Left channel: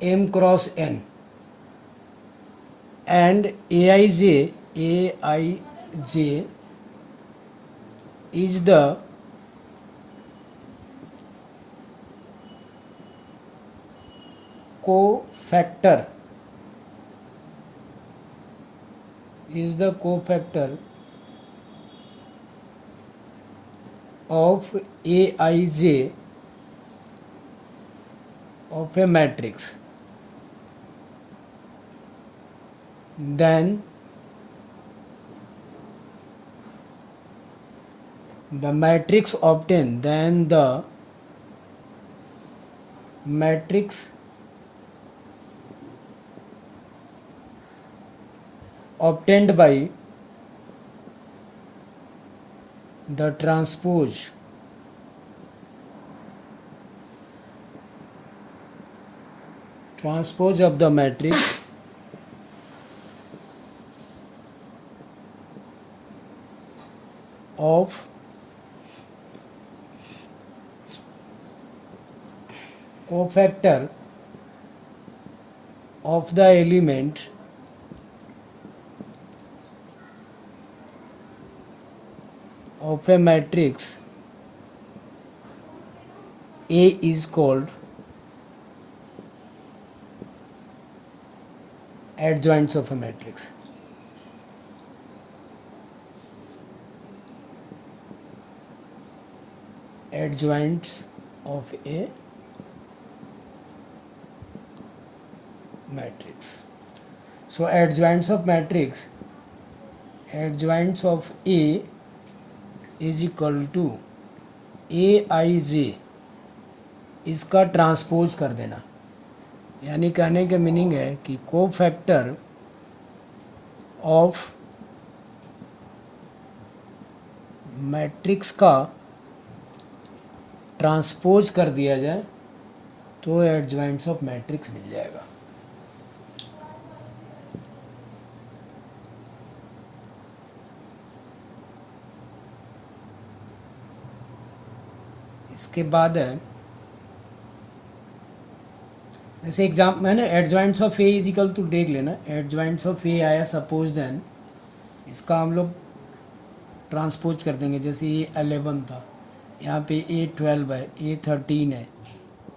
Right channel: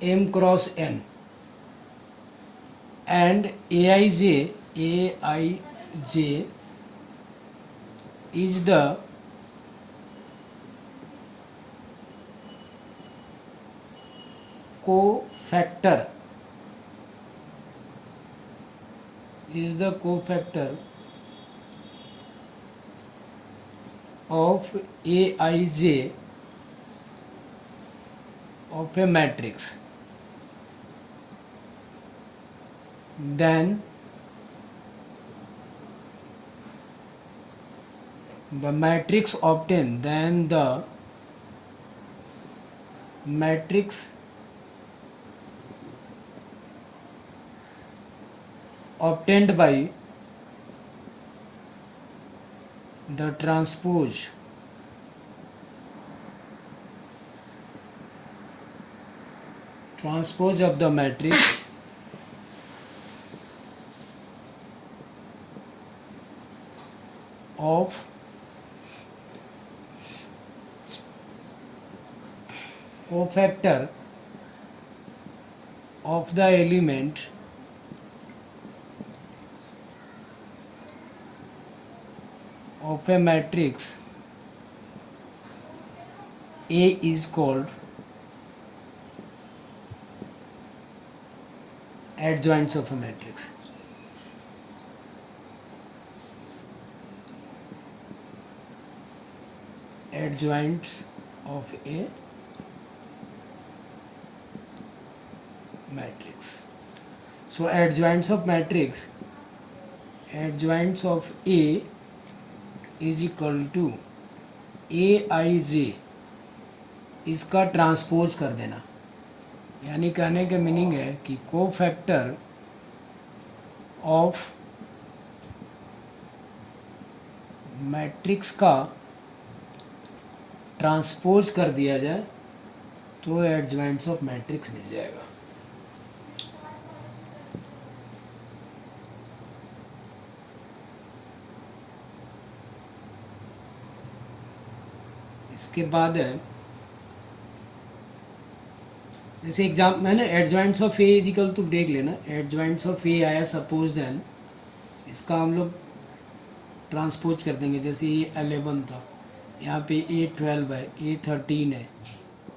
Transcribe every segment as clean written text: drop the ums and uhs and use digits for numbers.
m cross n and aij is the cofactor of aij of a matrix, then the matrix obtained by the transpose of the matrix of cofactor of the element of a matrix A is called adjoints of a matrix. Adjoints of a matrix. So adjoints of matrix, adjoints of A is equal to aij, इसका transpose कर देना, यानी कहने का meaning है कि cofactor of matrix का transpose कर दिया जाए तो एडजॉइंट्स ऑफ मैट्रिक्स मिल जाएगा. इसके बाद है जैसे एग्जाम मैंने adjoints of a is equal to देख लेना. एडजॉइंट्स ऑफ ए आया सपोज, देन इसका हम लोग ट्रांसपोज कर देंगे. जैसे ये 11 था, यहाँ पे A12 है, A13 है,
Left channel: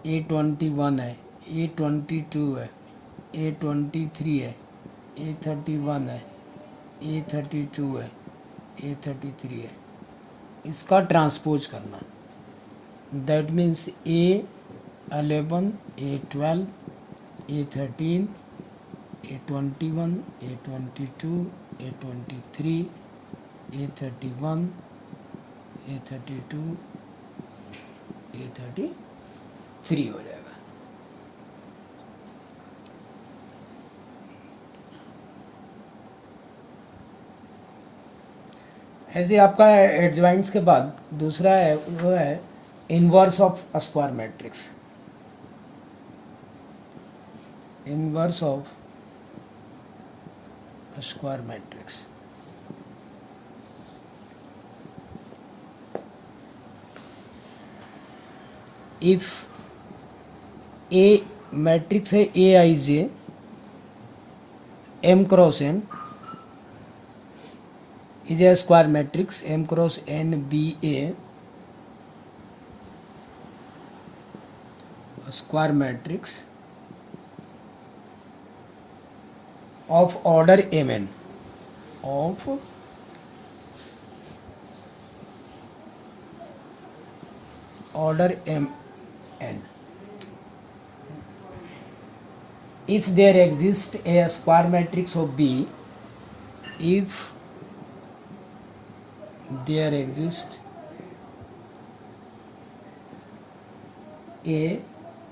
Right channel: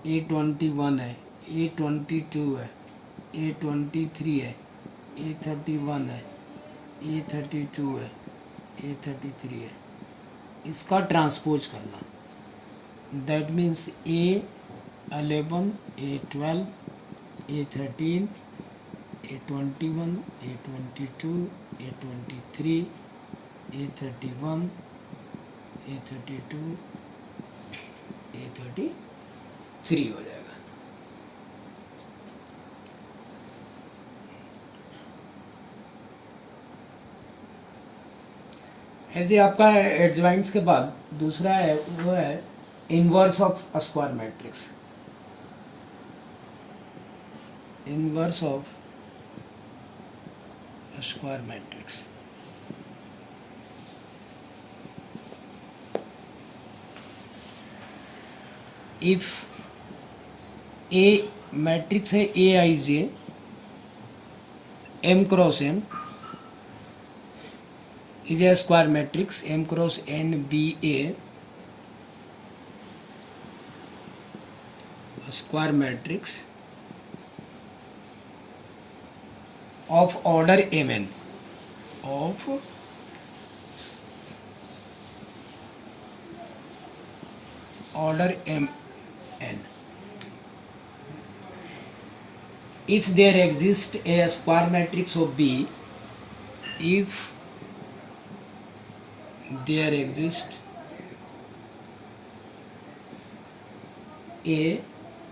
A21 है, A22 है, A23 है, A31 है, A32 है, A33 है. इसका ट्रांसपोज करना, that means A11, A12, A13, A21, A22, A23, A31, A32, A33 हो जाएगा. ऐसे आपका एडजॉइंट्स के बाद दूसरा है वो है inverse of square matrix. Inverse of square matrix. If A matrix है aij m cross n is a square matrix, m cross n be a square matrix of order mn, of order mn. If there exists a square matrix of B, if there exists a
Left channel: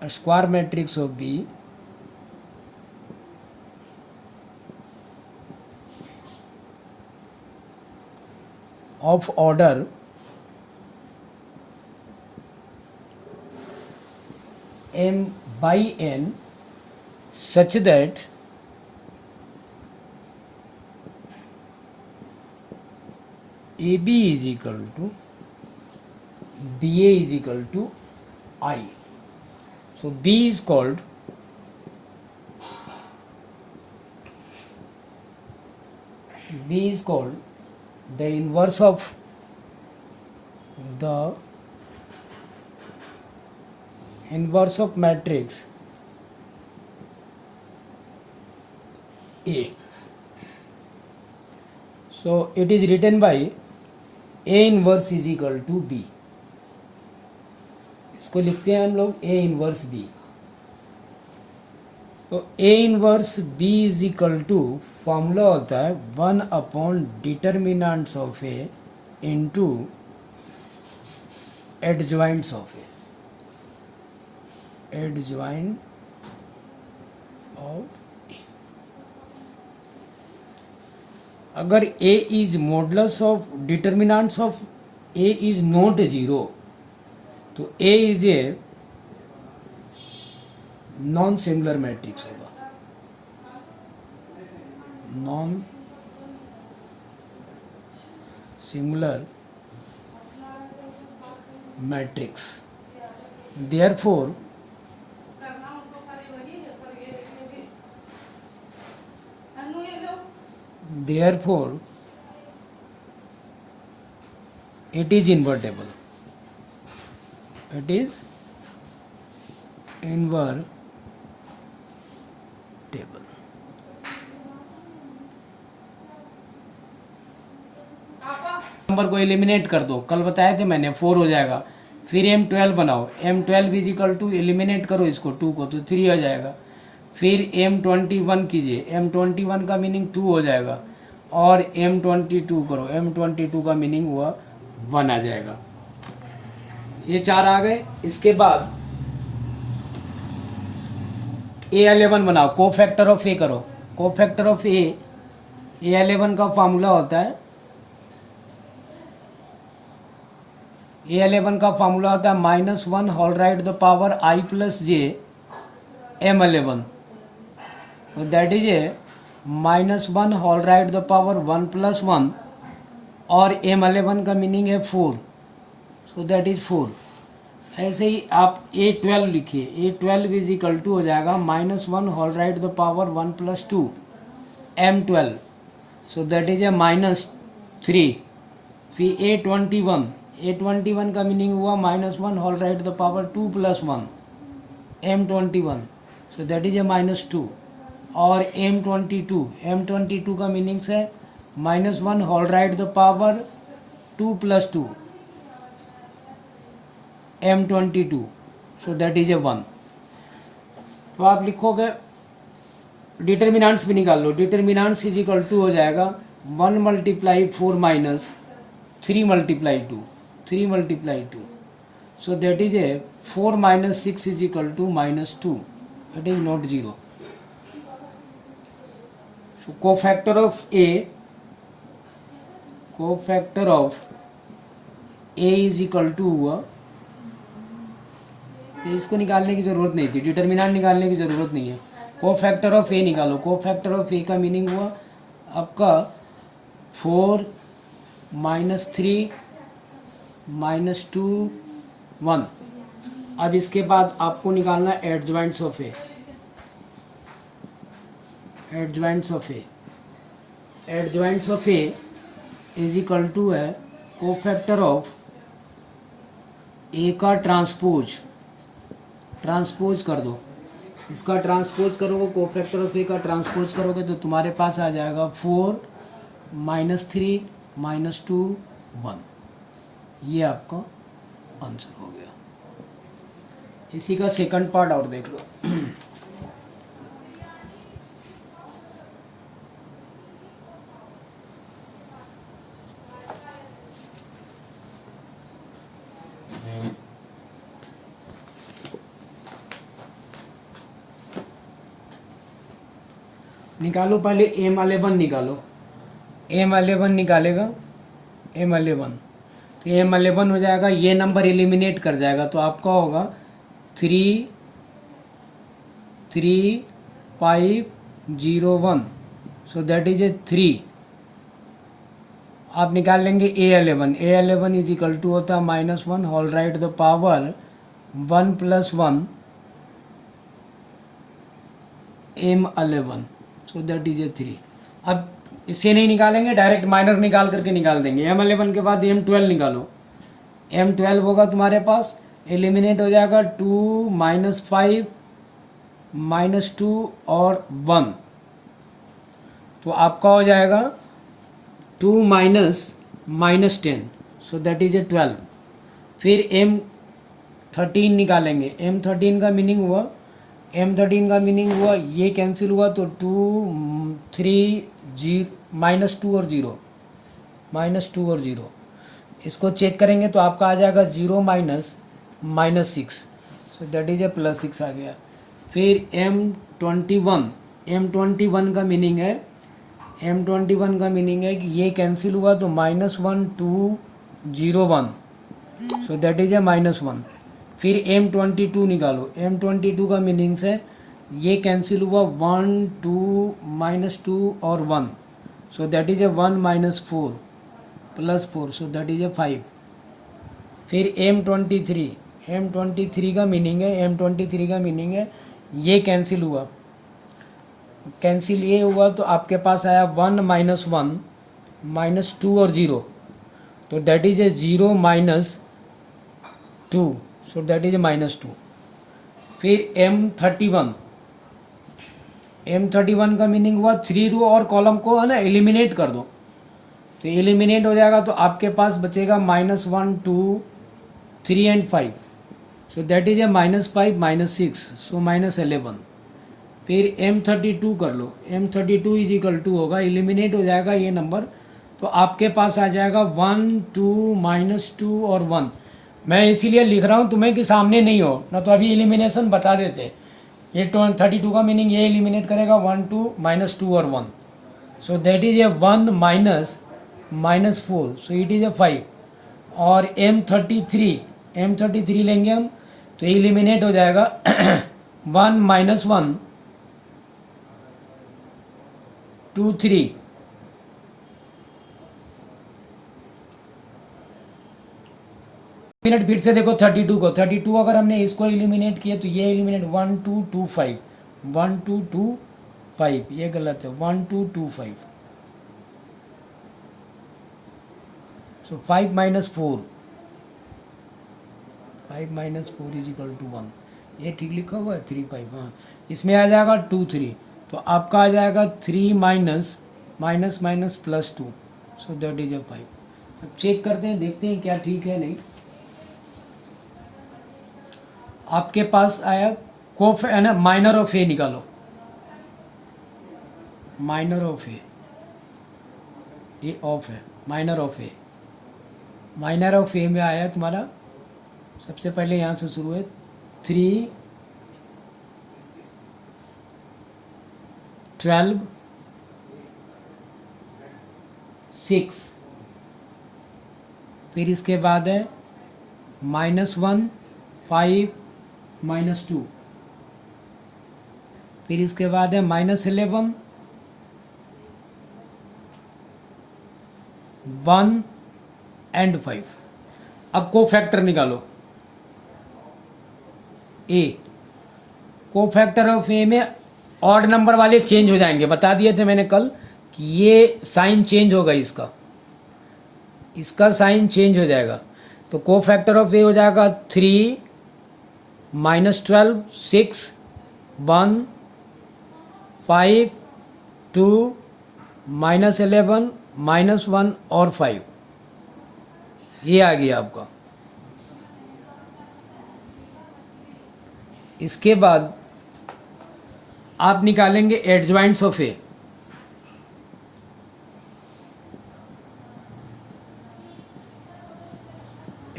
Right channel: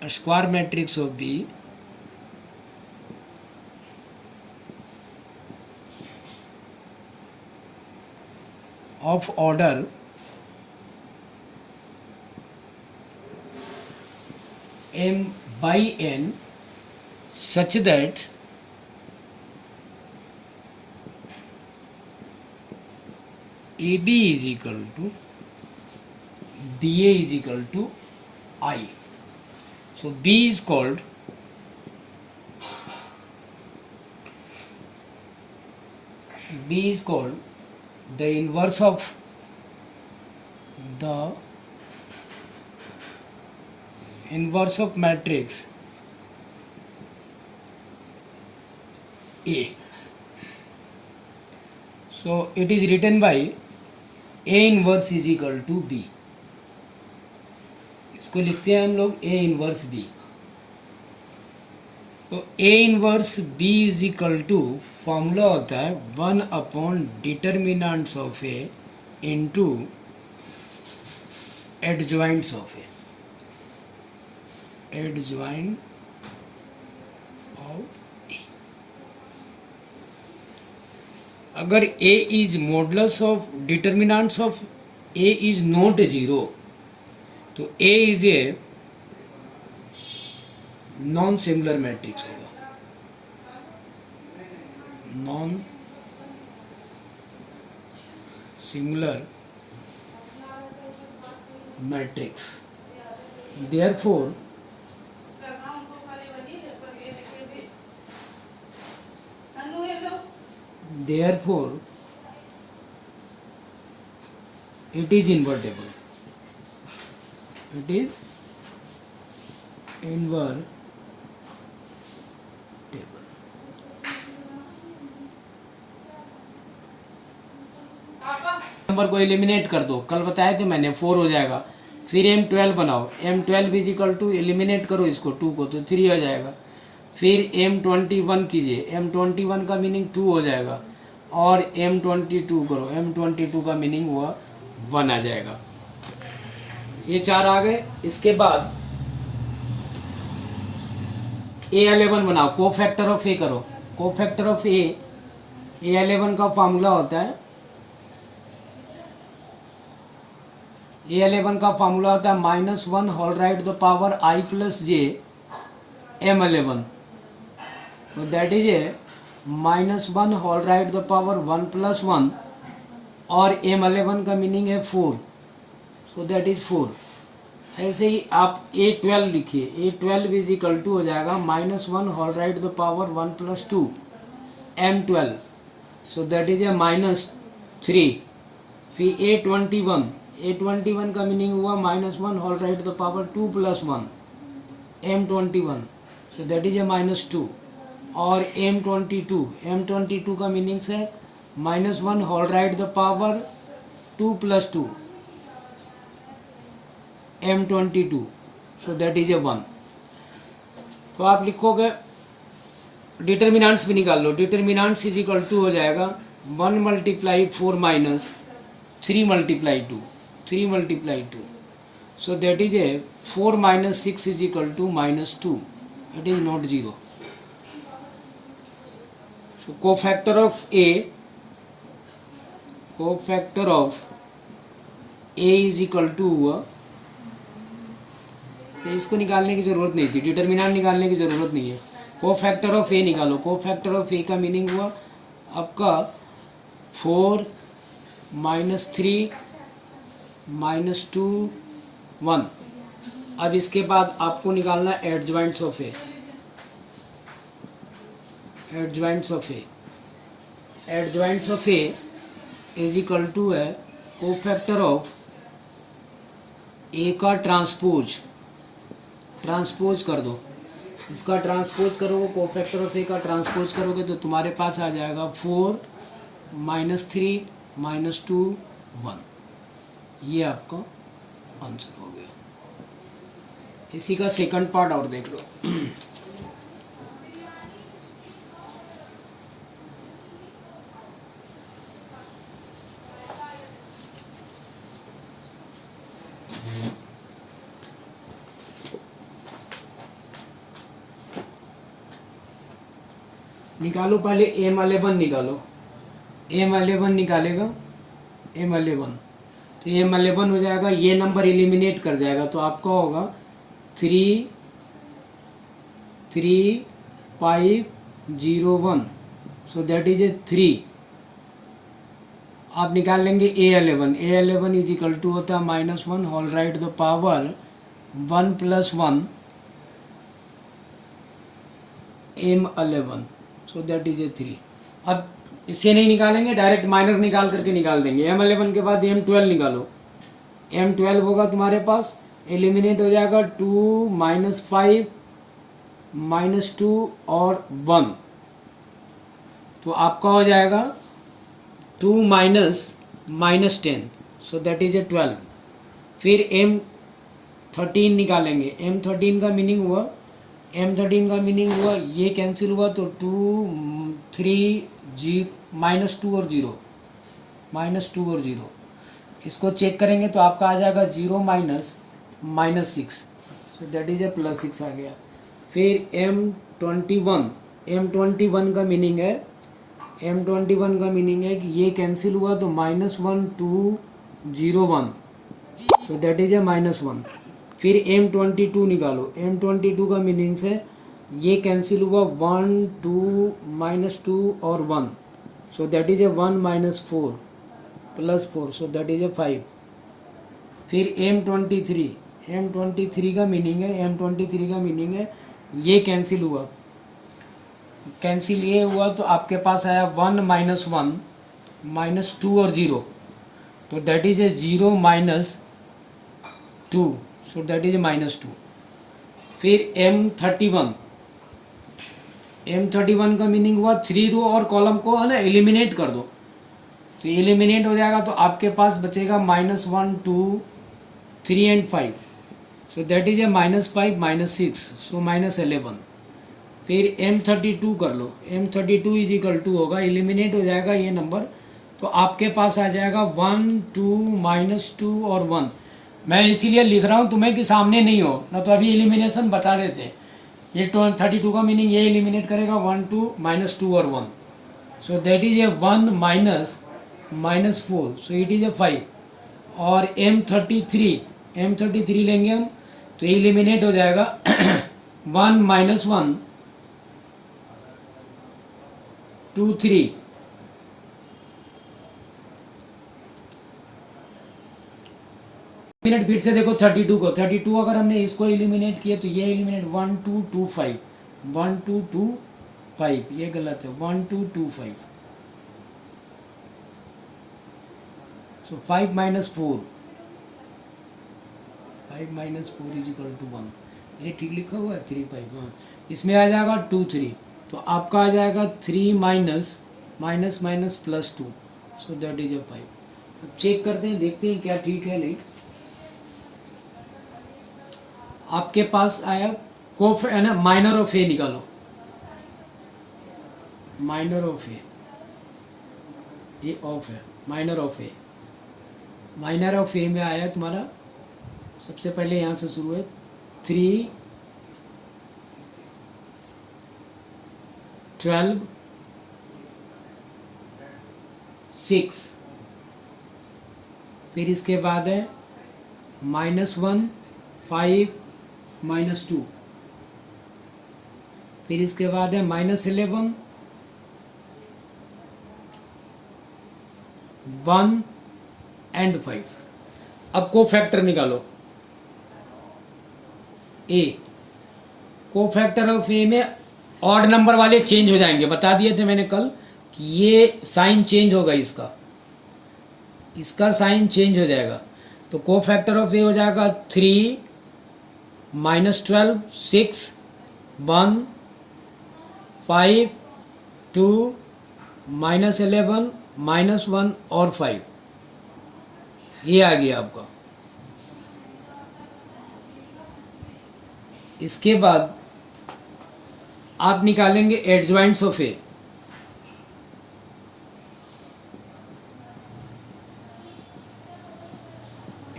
square matrix of B of order m by n such that AB is equal to BA is equal to I. So B is called B is called the inverse of matrix A. So it is written by A inverse is equal to B. इसको लिखते हैं हम लोग A inverse B. तो A inverse B is equal to formula होता है 1 upon determinants of A into adjoints of A. Adjoint of A. अगर A is modulus of determinants of A is not 0 तो A is a non similar matrix होगा. Non similar matrix. Therefore it is invertible. It is invertible. Number को eliminate कर दो. कल बताए थे मैंने 4 हो जाएगा. फिर M12 बनाओ. M12 is equal to eliminate करो इसको 2 को तो 3 हो जाएगा. फिर M21 कीजिए. M21 का मीनिंग 2 हो जाएगा. और M22 करो. M22 का मीनिंग हुआ 1 आ जाएगा. ये 4 आ गए. इसके बाद A11 बनाओ. को फैक्टर ऑफ A करो. को फैक्टर ऑफ A11 का फॉर्मूला होता है A11 का फॉर्मूला होता है -1 होल राइट द पावर I प्लस जे M11. तो that is a -1 whole raised to पावर 1 प्लस 1 और M11 का मीनिंग है 4. So that is 4. ऐसे ही आप A12 लिखिए. A12 इज इक्वल टू हो जाएगा -1 होल राइट द पावर 1 plus 2 M12. So that is a -3. फिर A21 का मीनिंग हुआ -1 होल राइट द पावर 2 plus 1 M21. So that is a -2. और M22 का मीनिंग है -1 होल राइट द पावर 2 plus 2 M22. So that is a 1. तो आप लिखोगे. डिटर्मिनेंट्स भी निकाल लो. डिटर्मिनेंट्स इज इक्वल टू हो जाएगा 1 multiply 4 minus 3 multiply 2. So that is a 4 minus 6 is equal to -2. It is not 0. So cofactor of A is equal to इसको निकालने की जरूरत नहीं थी. डिटर्मिनेंट निकालने की जरूरत नहीं है. कोफैक्टर ऑफ A निकालो. कोफैक्टर ऑफ A का मीनिंग हुआ आपका 4 -3 -2 1. अब इसके बाद आपको निकालना adjoints of A. Adjoints of A is equal to है कोफैक्टर ऑफ A का ट्रांसपोज कर दो. इसका ट्रांसपोज करोगे. कोफैक्टर ऑफ A का ट्रांसपोज करोगे तो तुम्हारे पास आ जाएगा 4 -3 -2 1. ये आपका आंसर हो गया. इसी का सेकंड पार्ट और देख लो. निकालो पहले M11 निकालो. M11 निकालेगा. M11 तो M11 हो जाएगा. ये नंबर एलिमिनेट कर जाएगा तो आपका होगा 3 5 0 1. सो दैट इज ए 3. आप निकाल लेंगे A11 इज इक्वल टू होता है -1 होल राइट द पावर 1 plus 1 M11. So that is a 3. अब इससे नहीं निकालेंगे, डायरेक्ट माइनर निकाल करके निकाल देंगे। M11 के बाद M12 निकालो। M12 होगा तुम्हारे पास, एलिमिनेट हो जाएगा 2 -5 -2 और 1, तो आपका हो जाएगा 2 -10, सो दैट इज ए 12। फिर M13 निकालेंगे। M13 का मीनिंग हुआ ये कैंसिल हुआ तो 2 3 -2 और 0, इसको चेक करेंगे तो आपका आ जाएगा 0 -6, सो दैट इज ए +6 आ गया। फिर M21 का मीनिंग है कि ये कैंसिल हुआ तो -1 2 0 1, सो दैट इज ए -1। फिर M22 निकालो। M22 का मीनिंग से ये कैंसिल हुआ 1 2 -2 और 1, सो that is a 1 -4 +4, so that is a 5। फिर M23 का मीनिंग है ये कैंसिल हुआ, ये हुआ तो आपके पास आया 1 -1 -2 और 0, तो that is A 0 -2, so that is a -2। फिर M31 का मीनिंग हुआ 3 रो और कॉलम को है ना एलिमिनेट कर दो, तो एलिमिनेट हो जाएगा तो आपके पास बचेगा -1 2 3 and 5, so that is a -5 -6, सो -11। फिर M32 कर लो। M32 इज इक्वल टू होगा, एलिमिनेट हो जाएगा ये नंबर, तो आपके पास आ जाएगा 1 2 -2 और 1। मैं इसीलिए लिख रहा हूँ तुम्हें कि सामने नहीं हो, ना तो अभी एलिमिनेशन बता देते। ये 32 का मीनिंग ये एलिमिनेट करेगा 1 2 -2 और 1, सो that is a 1 -4, so it is a 5। और M33 लेंगे हम तो एलिमिनेट हो जाएगा 1 -1 2 3, मिनट फिर से देखो 32 को। 32 अगर हमने इसको एलिमिनेट किया तो ये एलिमिनेट 1 2 2 5 1 2 2 5, ये गलत है, 1 2 2 5, सो 5 -4 इज इक्वल टू 1, ये ठीक लिखा हुआ है 3 5। हाँ, इसमें आ जाएगा 2 3, तो आपका आ जाएगा 3 -+2, so that is a 5। Check करते हैं, देखते हैं क्या ठीक है नहीं। आपके पास आया है ना, माइनर ऑफ ए निकालो। माइनर ऑफ ए ऑफ है, माइनर ऑफ ए में आया तुम्हारा, सबसे पहले यहां से शुरू है 3 12 6, फिर इसके बाद है -1 5 -2, फिर इसके बाद है -11 1 एंड 5। अब को फैक्टर निकालो ए। को फैक्टर ऑफ ए में ऑड नंबर वाले चेंज हो जाएंगे, बता दिए थे मैंने कल कि ये साइन चेंज होगा, इसका साइन चेंज हो जाएगा। तो को फैक्टर ऑफ ए हो जाएगा 3 -12 6 1 5 2 -11 -1 और 5, ये आ गया आपका। इसके बाद आप निकालेंगे एडजॉइंट्स ऑफ ए।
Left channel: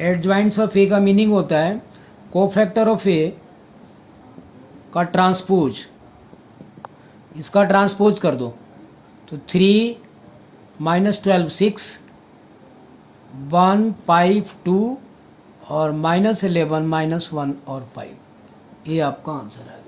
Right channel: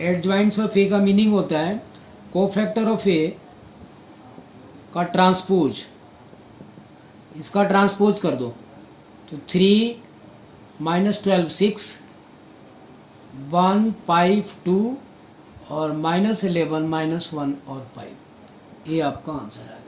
एडजॉइंट्स ऑफ ए का मीनिंग होता है कोफैक्टर ऑफ ए का ट्रांसपोज, इसका ट्रांसपोज कर दो तो 3 -12 6 1 5 2 और -11 -1 और 5, ये आपका आंसर है।